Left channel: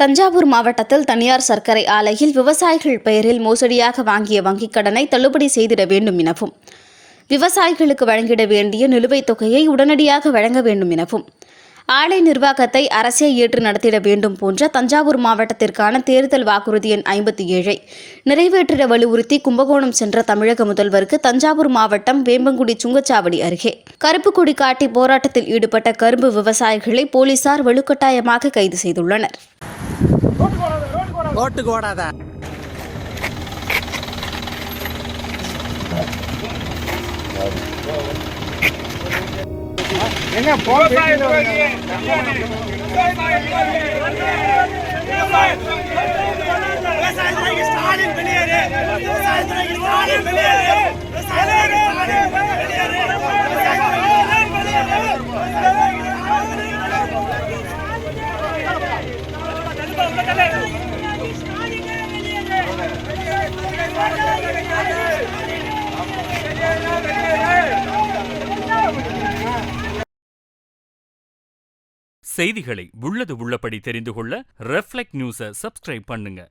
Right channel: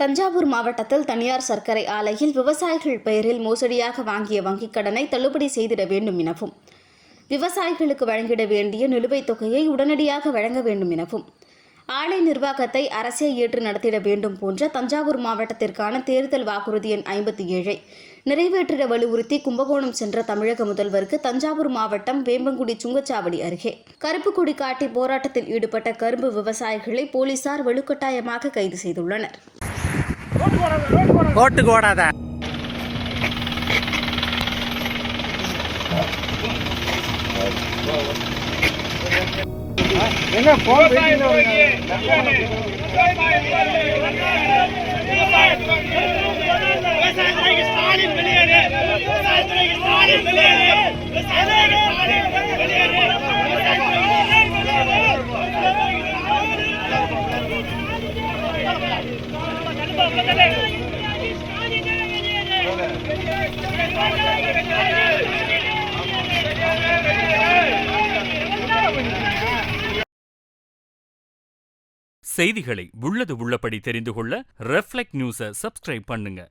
தஞ்சாவூர் மாவட்டத்தில் தனியார் சர்க்கரை ஆலையில் விவசாயிகள் பெயரில் மோசடியாக வாங்கிய வங்கிக் கடனை தள்ளுபடி செய்திட வேண்டும் எனவும், விவசாயிகளுக்கு வழங்கிட வேண்டிய நிலுவைத் தொகையை உடனடியாக வழங்க வேண்டும் எனவும், ஆலை நிர்வாகத்தை அரசே ஏற்று நடத்திட வேண்டும் போன்ற தஞ்சாவூர் மாவட்டத்திற்கான தேர்தல் வாக்குறுதி எண் 57ஐ நிறைவேற்றிட வலியுறுத்தி கும்பகோணம் சென்ற தமிழக முதல்வருக்கு தஞ்சாவூர் மாவட்டம் வேம்பங்குடி சுங்கச்சாவடி அருகே கருப்பு கொடி காட்டி போராட்டத்தில் ஈடுபட்ட கரும்பு விவசாயிகளை போலீசார் வலுக்கட்டாயமாக கைது செய்துள்ளனர். ஓட்டுக்கு ஓடாத எங்க ஸ்டாலின் வெளியேறு, ஸ்டாலின் வெளியேறு. செய்திகளை உள்ளது உள்ளபடி தெரிந்து கொள்ள ரெஃப்ளெக்ட் நியூஸை சப்ஸ்கிரைப் பண்ணுங்க.